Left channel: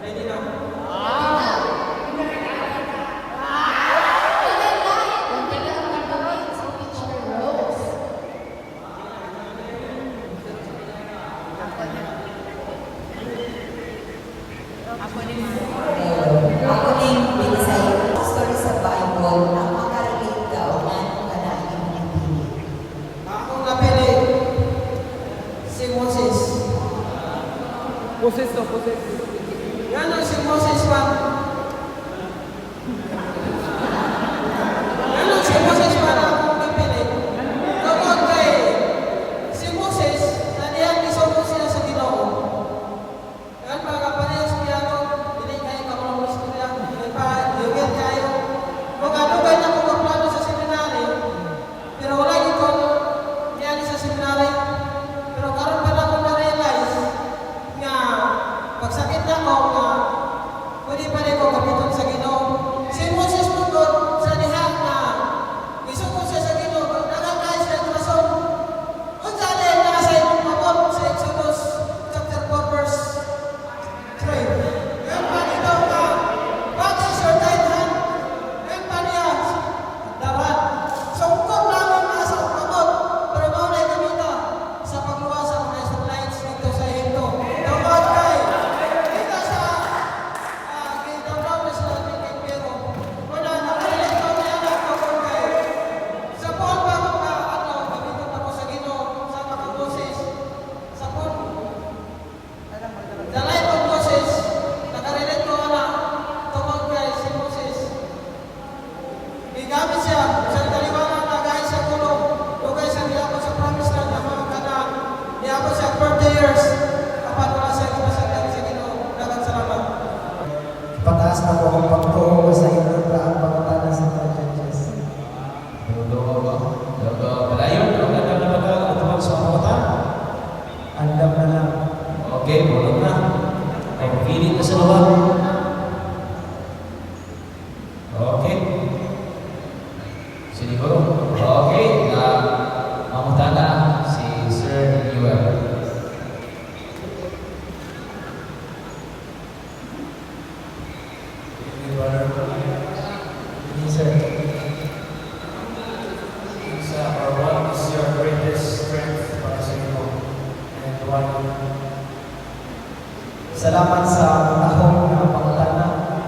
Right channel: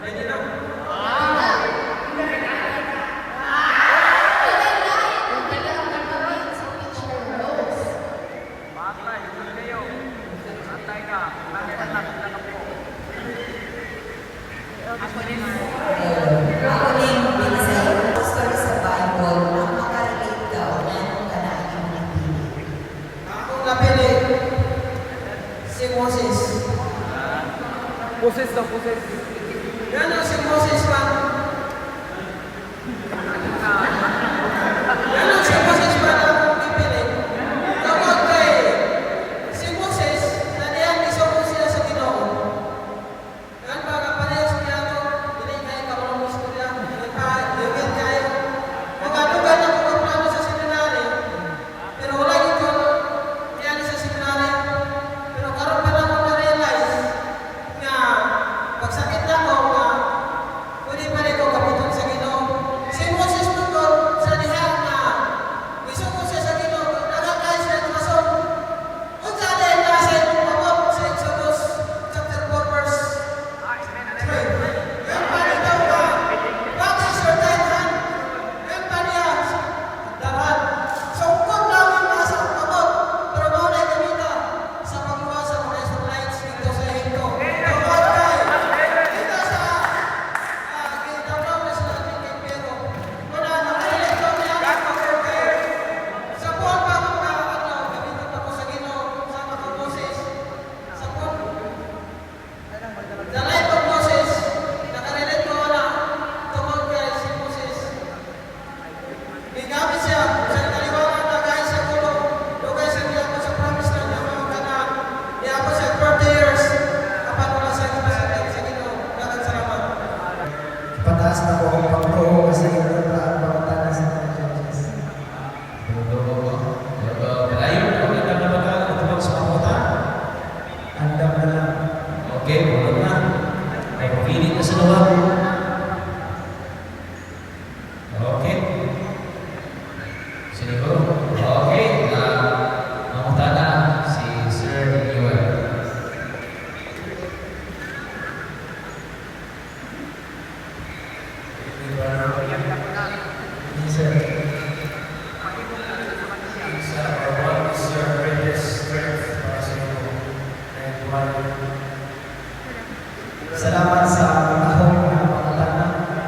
Ready na? Ako ning binasayo story sa Bible na makarelate ka o na kung kanaan yung nagpili. Akong napili si Moses. Moses na Moses. Yan ang si Moses pa. Yan ang si Moses pa na akong pipili. Kapag kay si Moses, na niyang isuko siya sa Ginoo. Yan para parehas niya ako, hindi kayo kakulong niya, hindi pa, liwit kayo. Magdugay na mga plano sa seminary, pero wala ito niyan sa seminary. Pero karon pa ako na-realize nga pagsakit na ako nga pwede pa rin ko kapiton sa Ginoo. Si Moses tungkol sa diha na isuko siya sa Ginoo, nakakaya siya ng rason. Unsa din na sa imong mabot sa Exodus chapter 4 verse 3. Yan pa ito ka, what is your right hand? Yan pa niya, dapat. Sungkot namin nga sa mabot, pero maunay kami na sa pagluwas sa mga Israelites dito sa Hinto. Tungkol kay, dito sa gitaw na sila tingin pero wala na kahilig ko niya ako kay sa buwan pa ako na kapitan ako sa Ginoo sa mga Moses sa buwan. The life of Moses, nakarelate ko na tungkol kay si Moses. Bigamit siya sa kaliwanag na guys sa kulong. Dugay sa niya ako sa promise land ng mga kanaan. Niya ako sa 40 years. Kapag wala siya kumasakit sa Ginoo. Dagan salamat. Pataas na po ang pagtuho sa inyo para ang pagtana sa mga judges. Andam na lang. Oke, boleh na. Pagpili ka sa luwa. Oke. Sini ko. Oke, mamutana si Sir Yuel. Ini sir. What is your greatest strength para sa inyo? And why? Salamat sa ahong na pagtana.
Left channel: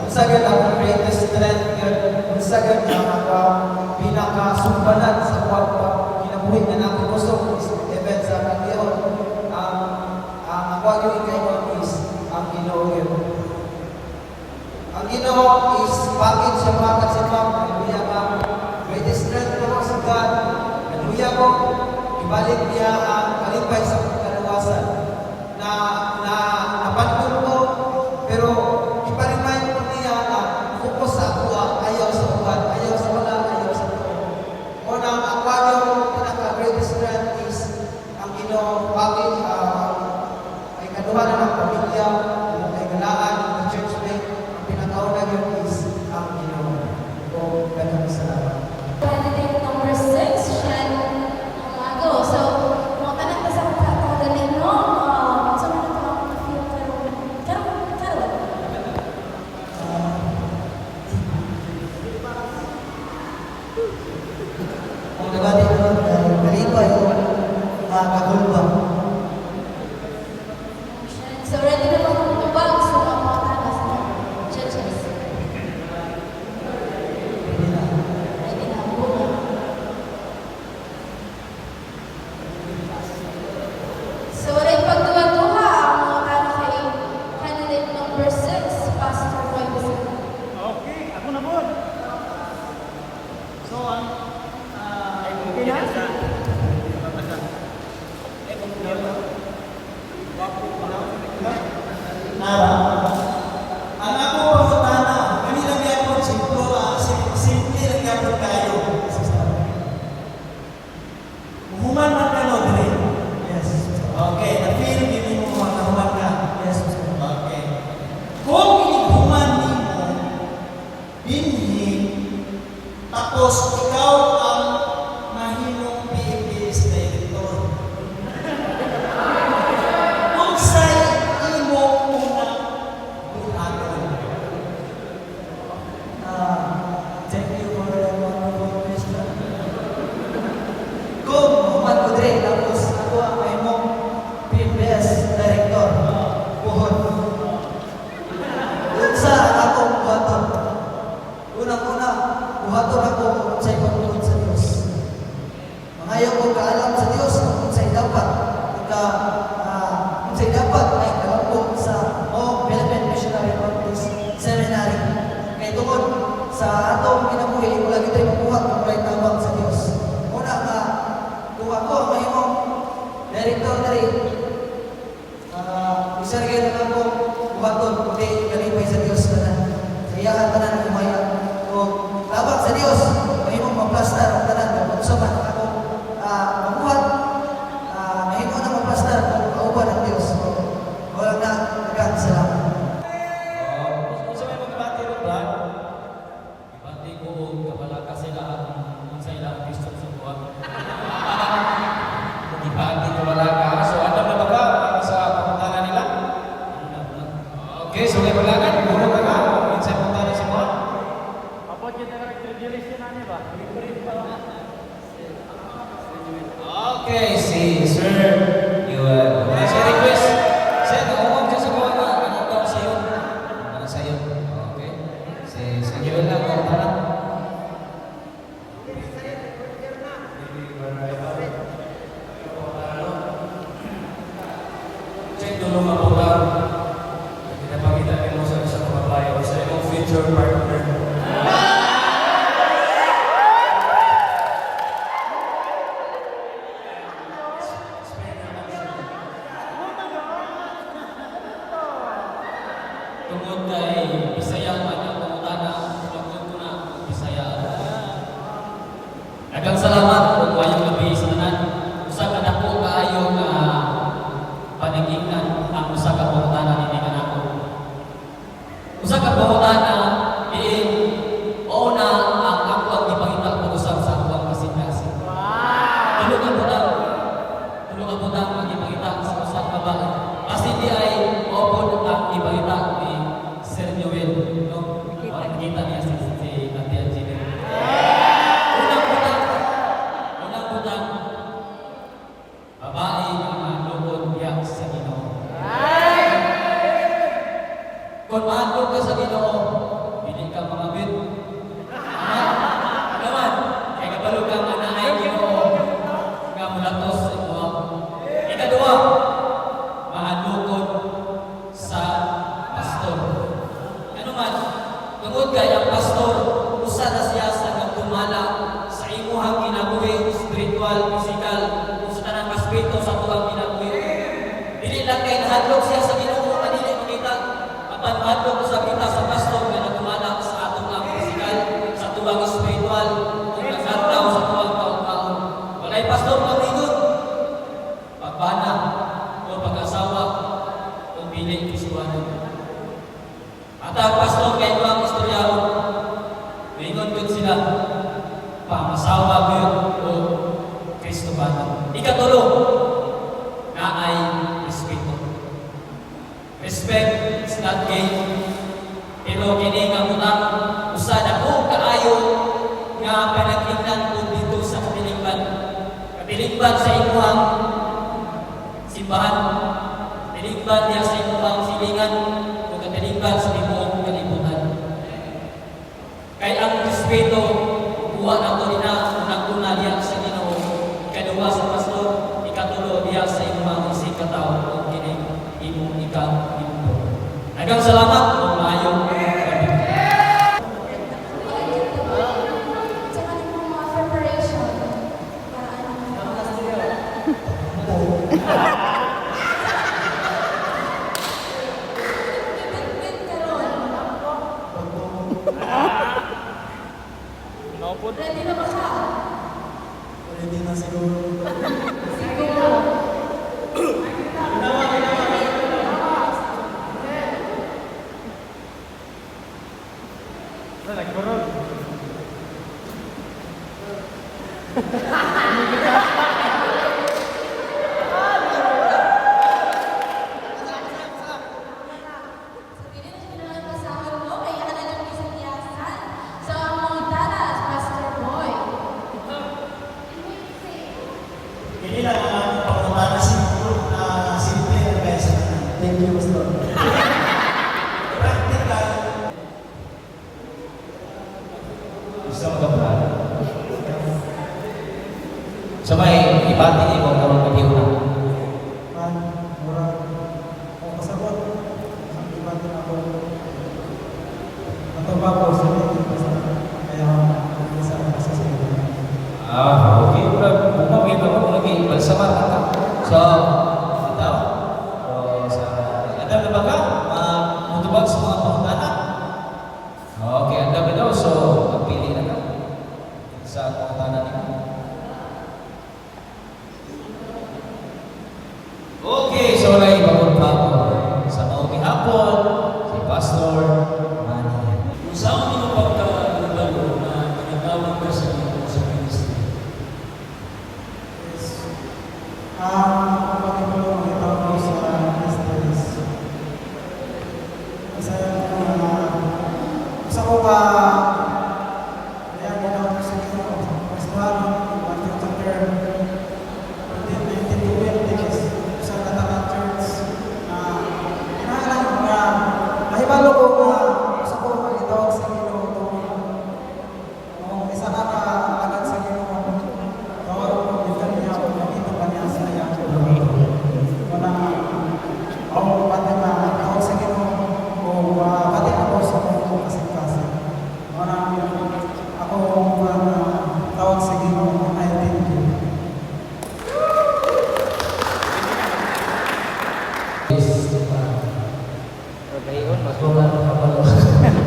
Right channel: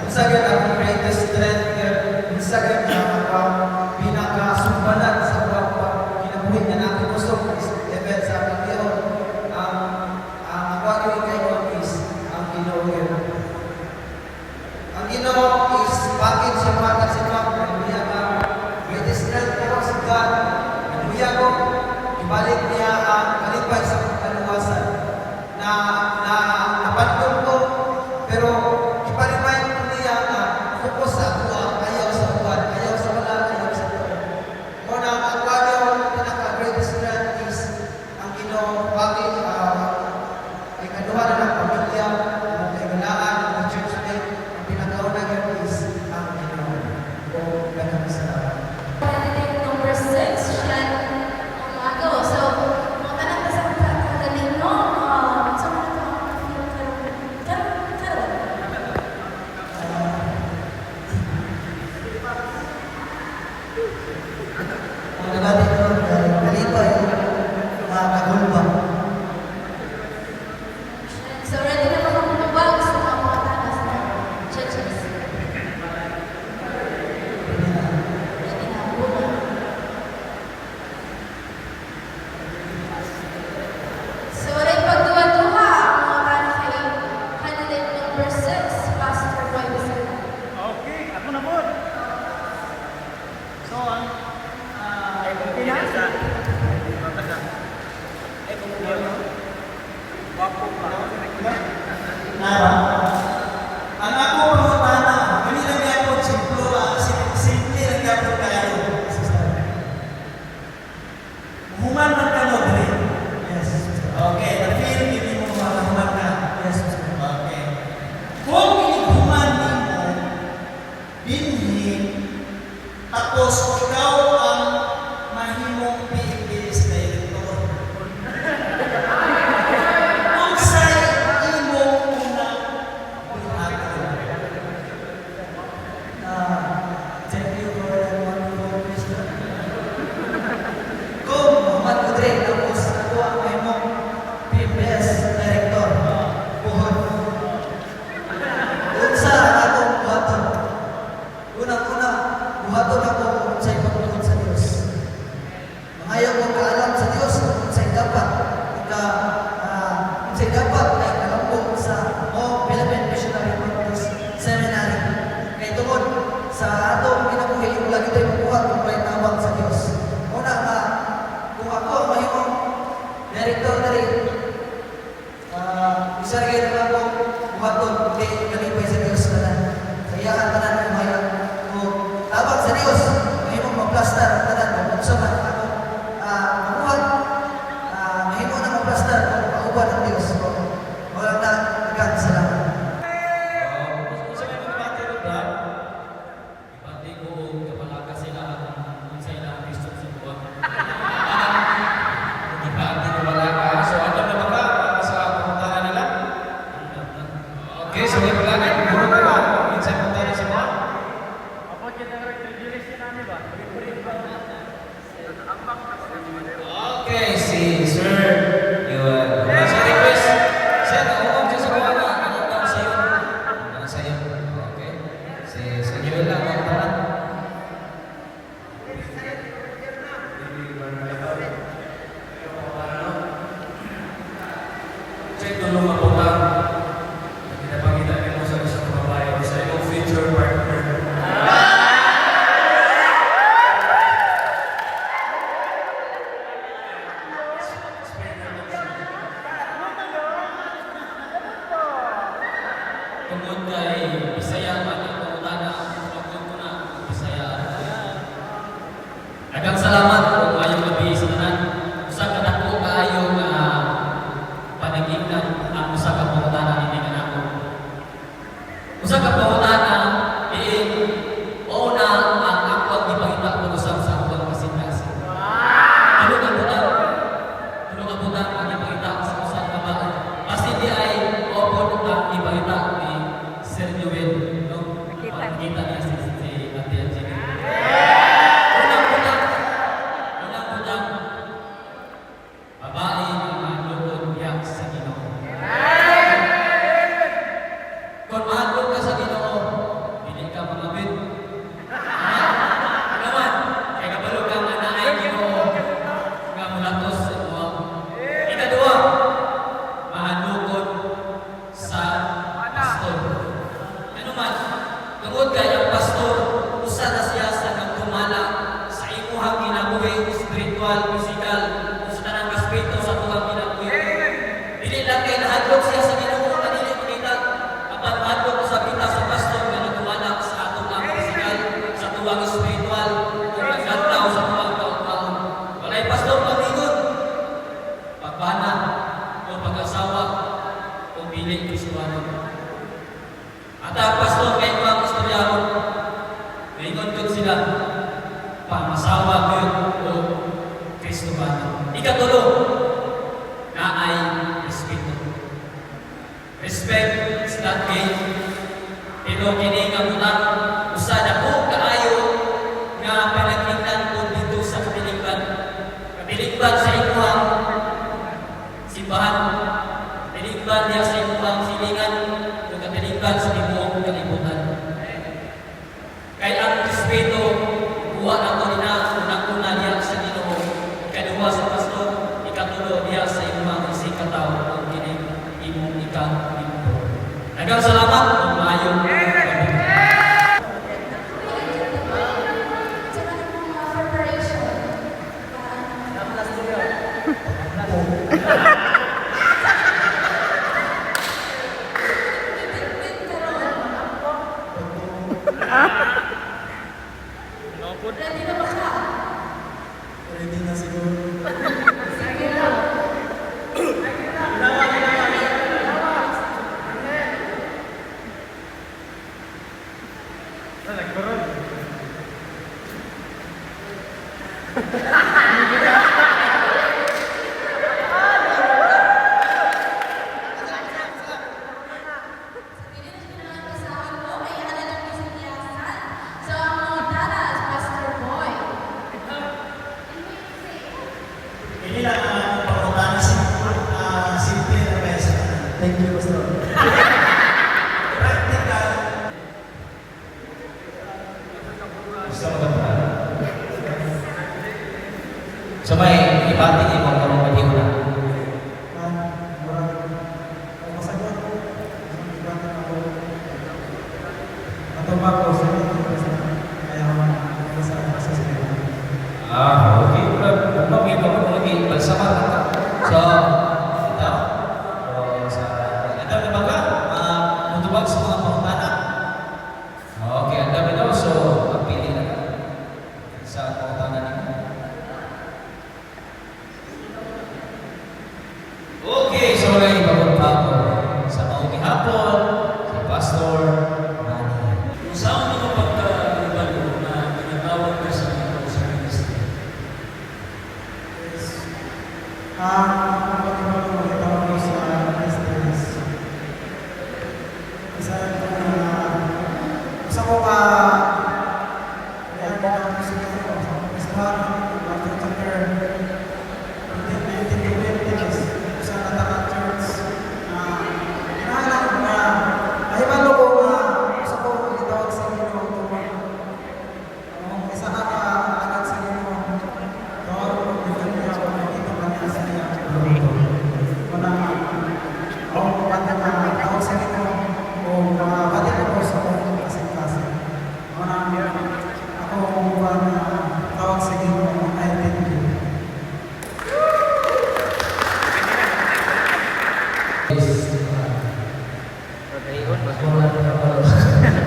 Kung sa ganyan ang greatest strength, kung sa ganyan ang pinakasumbalan sa kinabuhin na natin gusto is event sa Panginoon. Ang ako ikaw is ang Ginoo. Ang Ginoo is bakit siya sa Panginoon. Hallelujah ka. Greatest strength ko sa God. Hallelujah ko. Ibalik niya ang kalipay sa kaluwasan na napanagod ko, pero ipa-remind ko niya na focus sa buwan, ayaw sa buwan, ayaw sa wala, ayaw sa buwan. Una, ang kanyang pinaka-greatest strength is ang Ginoo. Bakit ay kaduhan na ng pamilya, ang kailangan ng church mate, ang pinakauna yun is ang Ginoo. O ganun sa Candidate number 6, Shan Umago. So, mga tanak na sa pagkakagaling, no? So, ang nabati ko, kalipay, kagulbang. So, ready na lang ang tubag sa mga tanak sa churches. Ready na ang bunga. So, rin pagduwa-duwa ang mga tanak kay candidate number 6, Pastor Webster. Okay, ako na po. So, ang Nara, ang ako pangutana, kami lang yapon, simple lang yapon kayo. Human man ka mo, Dre. Yes. Okay, na-feel, hindi mo makahuman ka. Yes. Okay. Kung human mo, binhi, tapos ikaw ang mahimong PMDS director. Kung sa'y imo unang buhaton ako sa pagtulog sa Dios. Mangayo ko kaalam sa Dios kung unsay dapat unsay dapat ay kalambot sa Philippine Missionary Conference Seminary. Kay tungod sa atong kinabuhi wala gyud tay mabuhat kung walay tabang sa Dios. Una nga kung ako ang mahimong director diri isargay na ako buhaton kundi kalipay sa Dios tanan. Sa iyang tanan kumaya kung tabang sa Dios mahimong maplastar ang tanan kung unsa man ako mabuhat mahimo na maplastar kung kauban ang Dios. Wala na daghang salamat. Kung sa may magbati rin ba? Ibati ko kapalaga sila kung sa ilang Kristo sa buwan. Ibati ko walaga. So ano na ba sa pagpuntahan nila? Okay, so may walaga. Siguro ka ba? Sa pagpuntahan sa buwan? Apa kita terjelis namin ba? Okay, si Sir. Sa request. Sir, nakukuha siya sa buwan na nakakita sa iyo. Ano sa iyo? Okay. Si Joel lang ang tanong. Check tulong mabutan. Pinapakita niyo sa isang babae o sa iyong future partner. Tungkol kay Bisaya at ang pangutana, tungkol ko na Bisaya. Daghang salamat kung mayong gabi sa tanan. Usa ka dako kaayo nga panagingnan ang usa ka pangutana ni kanako. Usa ka pangutana diin o na ang akong gipangita ko usab sa akong kasintasin. Tulog ang butang. Tulog ang butang ang gipangita ko sa usa ka babae. Kasi di ay opo ang gipangita ni Sir Joel, no? Makikita niya si Ate Angela. Unang butang, babae ang lukod biyak sa Ginoo. Kung mahandog ka sa Ginoo, hindi ka mangawit. Naman, kaya kabalo ka nga na ay Ginoo, nga mulatos sa buwan. Ikaduha, mahandugod sa pastor. Ano man, tungod kay ang pastor, usa na siya sa nagdumala sa imuhang kinabuhi, spiritual, physical, kung sa tanang espiritu sa tuwang kinabuhi. Dili lang kay nahadlok siya sa Ginoo nga dili makita, apan mahadlok sa kita sa pastor nga nagdumala sa atong ang physical, sa tuwang spiritual, kung naglantaw sa tuwang taon-taon. Walay pastor malingon, pagpana o pag-asawa o bilik kisuwanan. At ang pastor kay mga istoryaro, lingon ko sila, pamasawa ko o Kristo ba? Ikatulo, na ay respeto. Respect is not gain. Pero kini nga munang usa na ko kaayo nga panagingnan ko dito sa katilingban. Katilingban sa imuhang simbahan. Katilingban niya sa imuhang silingan o katilingban sa imuhang kalibutan. Kay ang respeto, buwan nato ina unang-una diya sa Ginoo, ikaduha sa pastor, ikatulo diya sa imuhang isig katawo o kini imong ika-imong. Daghang salamat ug maayong gabi. Sa kanang mga preparation. Ready na ba siya? Ready na siguro. Siguro. Nagbarod. Hindi lang ang pagpunta na simple na guys. Thank you, Pastor. Practical. Isang ako natubago sa kaya sa sila. Okay. Bumagay pa ko lagi. Magsama ka. So, ito. Ito na ba ka? Matubag sa mga pangutana? Okay, ang dami daw. So, pagpili na ka. Sa pangutana niyo. Okay, so lagi bagong hapon. Sa maungi hapon, si Pastor Manny. Kung saan mo pagkakagalo na pinatawag ka sa ministry?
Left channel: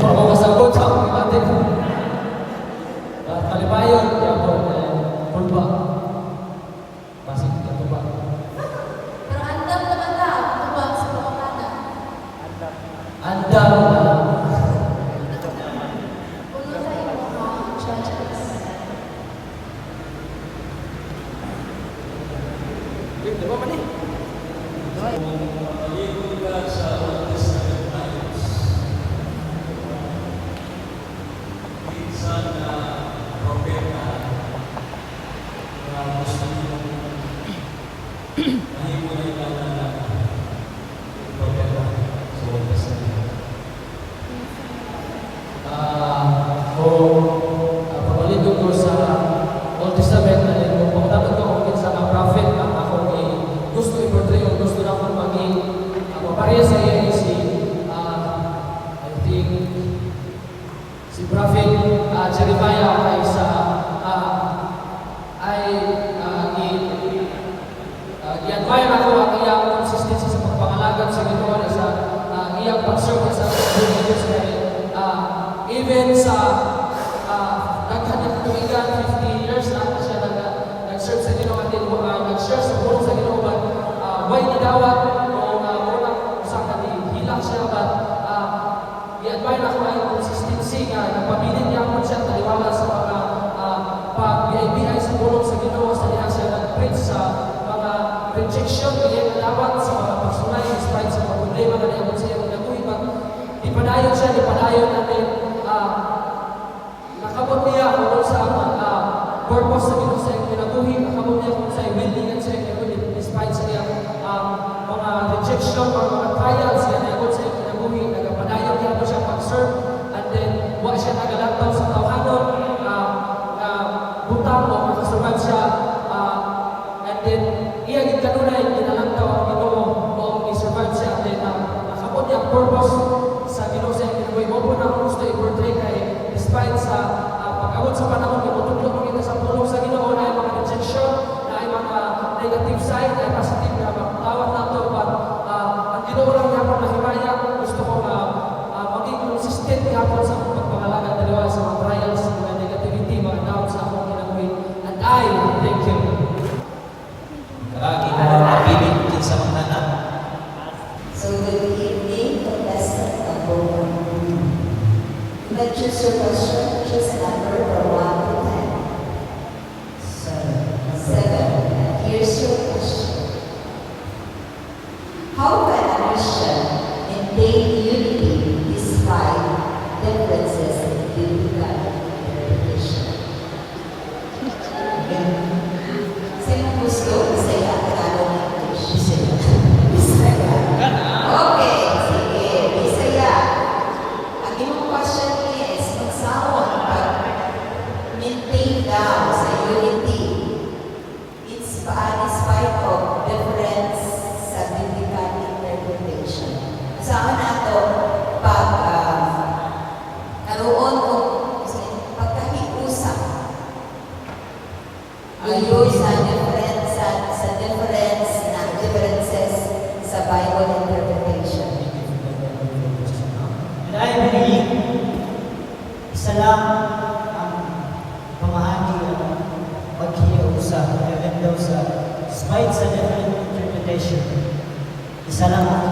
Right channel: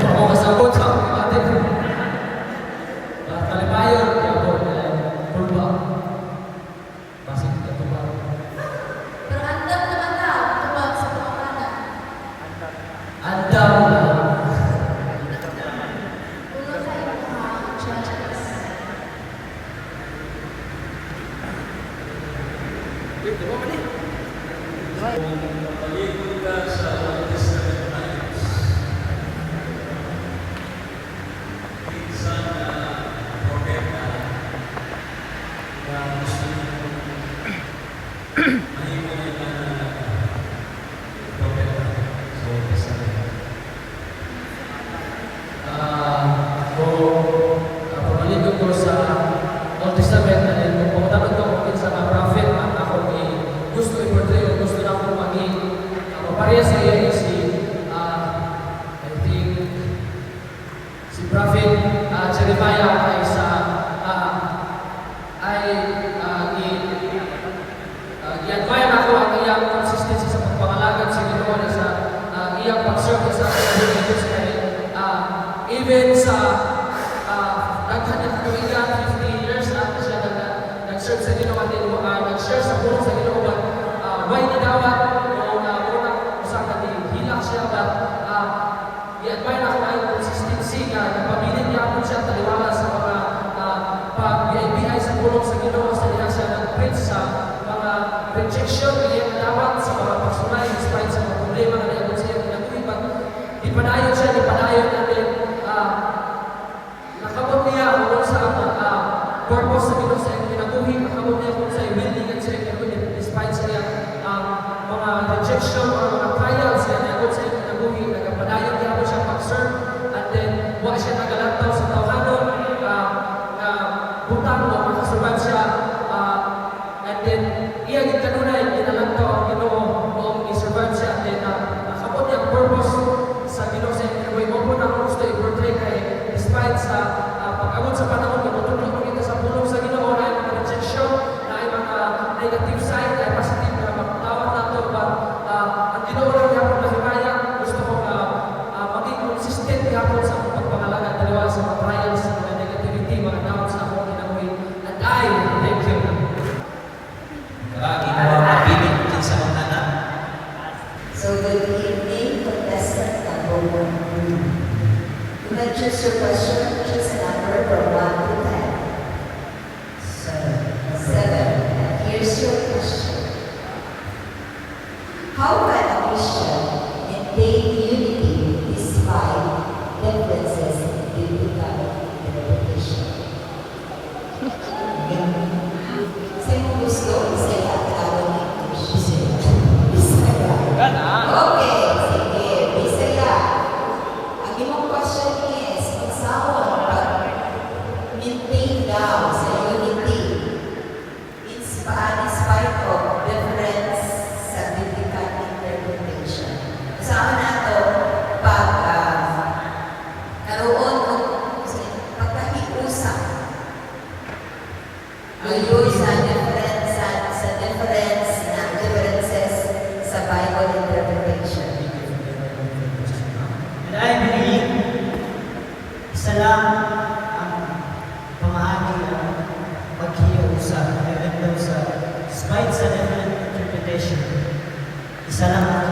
Ako kasabot sa akong kapatid. Kalimayon, yapon, pulpa. Pasig ito ba? Pero andam naman na, tuwag sa pangkata. Andam na. Puno tayo mga churches. Di ba mali? Maligo ka sa Old Testament times. Minsan na propeta na gusto mahiwalay ka na propeta sa Old Testament. Pamaligo ko sa Old Testament na kung tanong ko kung sa mga prophet na ako gusto i-portray o gusto na akong maging pareha sa iya si I think si Prophet Jeremiah ay sa i-admire ako ang iyang consistency sa pagpangalagan sa Ginoo at sa iyang pag-serve sa Diyos even sa nagkatuwigan 50 years na siya nag-serve sa Ginoo at nag-share sa buong sa Ginoo ba why nidawat o muna sa hilang siya ba i-admire ako ang consistency nga napabilin niya ako siya taliwala sa mga pag-bihay sa bulong sa Ginoo sa diha siya nag-preach sa mga rejection niya nadawat sa mga pagsunay despite sa mga problema na naiabot siya nagkuhi pag ipadayon siya ipadayon natin nakabot niya kung sa purpose sa Ginoo sa iyong kinabuhi nakabot niya kung sa willing at sa iyong kinabuhi despite sa iyang mga rejection o mga trials na naiabot sa iyong kinabuhi nagapadayon niya po siya pag-serve and then huwag siya nagalagtaw sa tawanon butang o makasuran siya and then iya gitanunay ginalagtaw ang Ginoo o i-survive siya and then nakabot niya ang purpose sa Ginoo sa iyong kinabuhi mo po na gusto i-portray kay despite sa pag-abot sa panahon na matutulog mo kita sa pulong sa Ginoo na ay mga rejection na ay mga negative side na positive na magtawag na ito but ang Ginoo lang niya pang mahimaya gusto ko maging consistent hapon sa pagpangalaga daliwa sa mga trials sa mga negativity mga tawag sa akong kinabuhi and I thank you. Karagi mo mapilit din sa mga anak. So good evening, contestant number 1. You may choose your question, choose a number from 1 to 10. 7. And here's your question. How can a Christian maintain unity despite differences in biblical interpretation? Sino gusto? Bisaya at Arab English. Bisaya. Okay, sige. Bisaya. Ang iyong question is, magsawang pag-maintain daw sa unity in spite of difference sa biblical interpretation. Kasama na ito, lang ang pamaagi ang paghiyo sa even though sa despite sa different interpretation, isa lang ang